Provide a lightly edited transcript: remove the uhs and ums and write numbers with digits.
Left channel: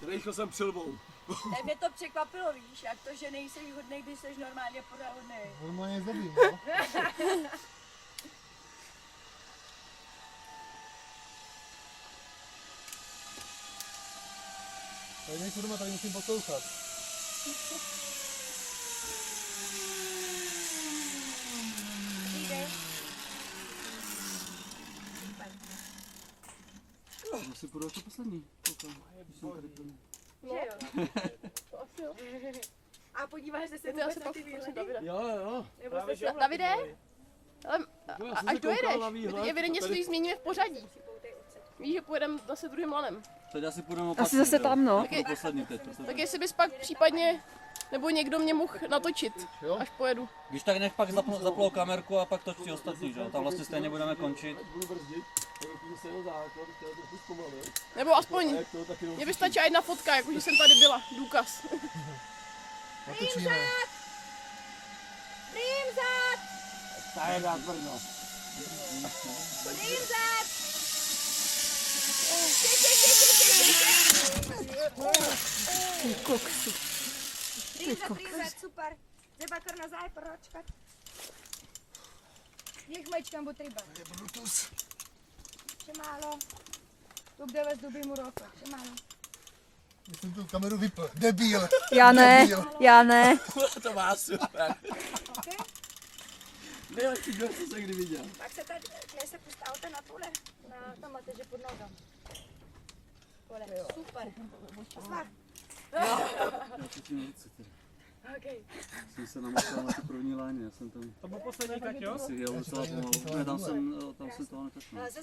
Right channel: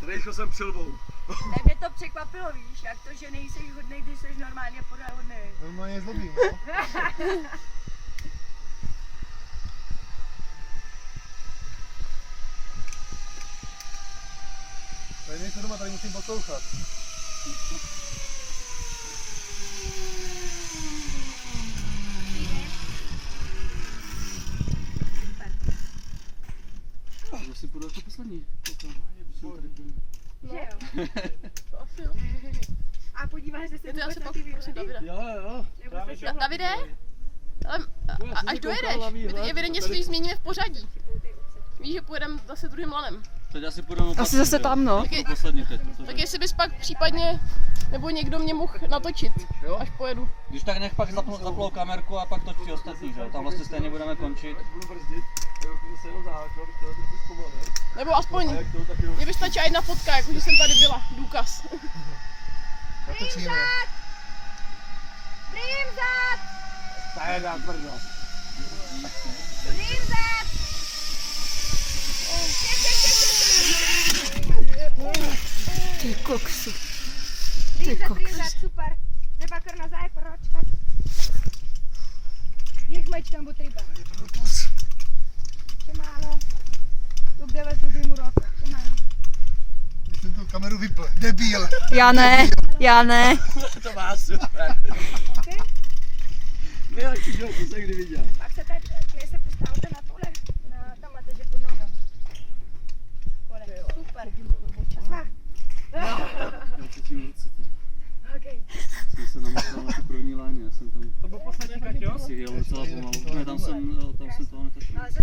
Tady jsem přilbou. Tak mě to překvapilo, víš, jak to, že nejseš hodnej, když jsi normálně pořád hodnej. Normálně zlobím, no. Tady nejsou doma, tady musím poslouchat. Asi půjdu jako poslední. Koukám. Jsem tady byl. Že jo? To asi jo. A podíváš se Je to vůbec asi na pak ty prosím výhledy? Davide. Jo. Nebo jste se Davide? Ale, až dojedeš, my teď evidentně si změníme v pořadí. Víš, že pojedeme zase druhým lanem. Teď asi půjdeme Asi zase tam, no. Poslední teď. Tak jestli bys pak případně, nebo někdo mě mohl natočit, Jo? až pojedu. Když tak nech pak zaplou kamerku a pak točí ostatní, že? Tam vlastně stejně budeme končit. Budu brzdit, tak se jenom základ, chtěl trochu zpomalit. Nebo aspoň, A jak to, tak jenom... mě by stačila jedna fotka, jako že jsem tady byla, důkaz. Natočíme. Prým zad! Ta je dá tvrdo. Prým zad! Ty koksu. Prým zad, super. Treba kar nazaj, proročkat. Niech mečkam bo treba. Še málo. Dok da vas dobim v roko. Še málo. Já jsem tu kameru vypl. Debil. Já ne. To má super. Okay? Nejlepší joke, co jsem kdy viděl. Pak se tady, se postavte na tohle. Na tam máte, že pod nohou. Kole. Super. Smar. Já cítím ruce teď. Okay. Jsem se namotal na tu první láně, já jsem tam To byl poslední, tak jo? si jel docela pomalu. Ne, tam jsem toho netačil.